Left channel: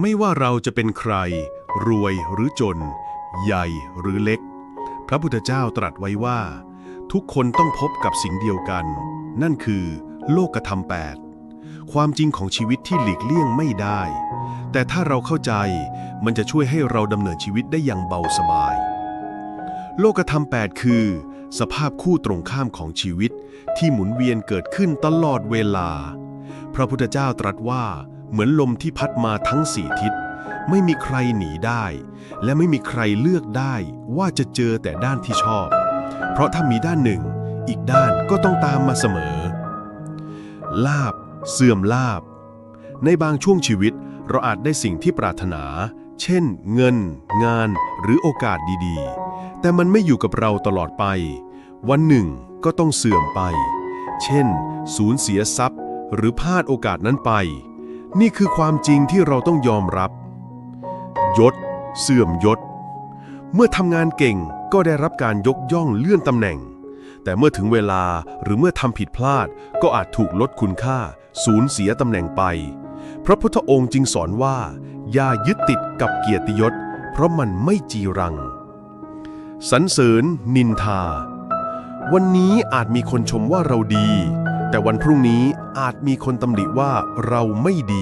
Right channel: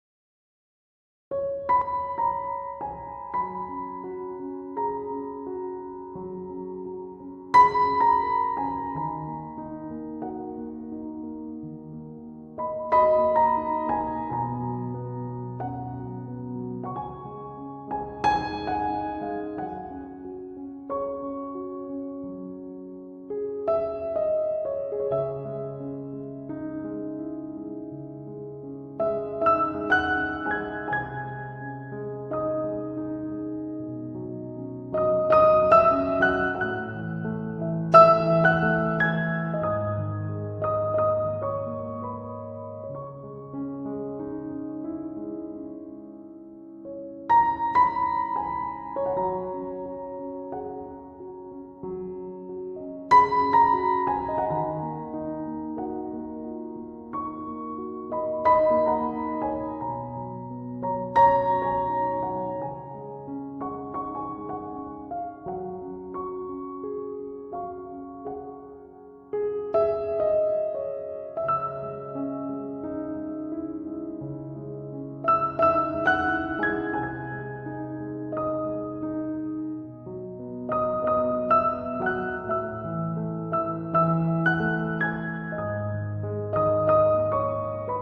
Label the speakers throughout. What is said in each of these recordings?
Speaker 1: ไม่ว่าเราจะเป็นใคร รวยหรือจน ใหญ่หรือเล็ก พระพุทธเจ้าตรัสไว้ว่า ทุกคนต้องพบกับสิ่งเดียวกัน นั่นคือ โลกธรรมแปดความจริงของชีวิตที่หลีกเลี่ยงไม่ได้ แต่ถ้าเราเข้าใจมันจะช่วยให้เราดำเนินชีวิตได้อย่างเบาสบาย โลกธรรมแปดคือ สภาพคู่ตรงข้ามของชีวิตที่หมุนเวียนเกิดขึ้นตลอดเวลา พระพุทธเจ้าตรัสว่า เหมือนลมที่พัดมาทั้งสี่ทิศ ไม่มีใครหนีได้ และไม่มีใครเลือกได้ว่าจะเจอแต่ด้านที่ชอบ เพราะถ้ามีด้านหนึ่ง อีกด้านก็ต้องตามมาเสมอ ลาบ เสื่อมลาบ ในบางช่วงชีวิตเราอาจได้สิ่งที่ปรารถนา เช่น เงิน งาน หรือโอกาสดีๆ แต่มันไม่อยู่กับเราตลอดไป วันหนึ่งก็ต้องเสื่อมไป เช่น สูญเสียทรัพย์ หรือพลาดโอกาสนั้นไป นี่คือความจริงที่เราต้องยอมรับ ยศ เสื่อมยศ เมื่อทำงานเก่งก็ได้รับการยกย่องเลื่อนตำแหน่ง แต่เมื่อถึงเวลาหรือเมื่อทำผิดพลาดก็อาจถูกลดคุณค่า สูญเสียตำแหน่งไป พระพุทธองค์จึงสอนว่า อย่ายึดติดกับเกียรติยศ เพราะมันไม่จีรังสรรเสริญ นินทา วันนี้อาจมีคนชมว่าเราดี แต่วันพรุ่งนี้อาจมีคนตำหนิว่าเราไม่ดี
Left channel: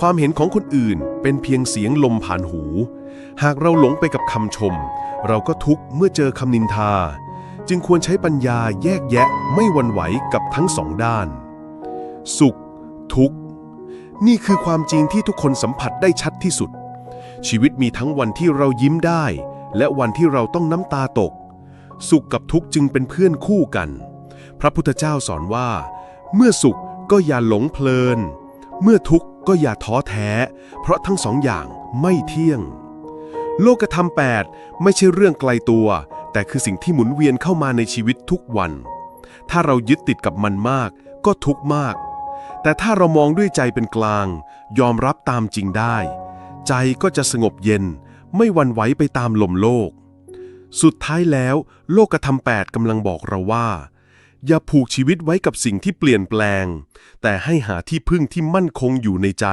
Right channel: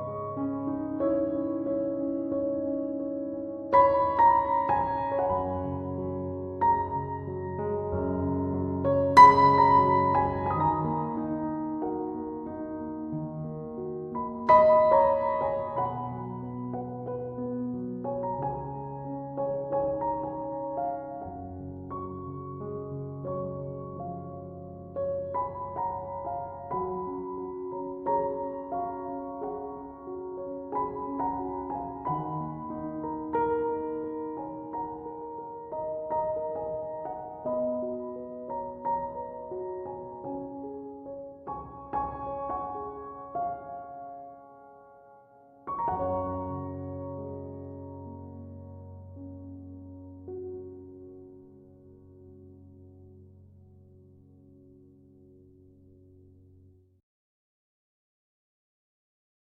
Speaker 1: ความเห็นของคนอื่นเป็นเพียงเสียงลมผ่านหู หากเราหลงไปกับคำชม เราก็ทุกข์เมื่อเจอคำนินทา จึงควรใช้ปัญญาแยกแยะไม่วันไหวกับทั้งสองด้าน สุข ทุกข์ นี่คือความจริงที่ทุกคนสัมผัสได้ชัดที่สุด ชีวิตมีทั้งวันที่เรายิ้มได้ และวันที่เราต้องน้ำตาตก สุขกับทุกข์จึงเป็นเพื่อนคู่กัน พระพุทธเจ้าสอนว่า เมื่อสุขก็อย่าหลงเพลิน เมื่อทุกข์ ก็อย่าท้อแท้ เพราะทั้งสองอย่างไม่เที่ยง โลกธรรมแปดไม่ใช่เรื่องไกลตัว แต่คือสิ่งที่หมุนเวียนเข้ามาในชีวิตทุกวัน ถ้าเรายึดติดกับมันมากก็ทุกมาก แต่ถ้าเรามองด้วยใจเป็นกลาง ยอมรับตามจริงได้ ใจก็จะสงบเย็น ไม่วันไหวไปตามลมโลก สุดท้ายแล้ว โลกธรรมแปดกำลังบอกเราว่า อย่าผูกชีวิตไว้กับสิ่งที่เปลี่ยนแปลง แต่ให้หาที่พึ่งที่มั่นคงอยู่ในใจ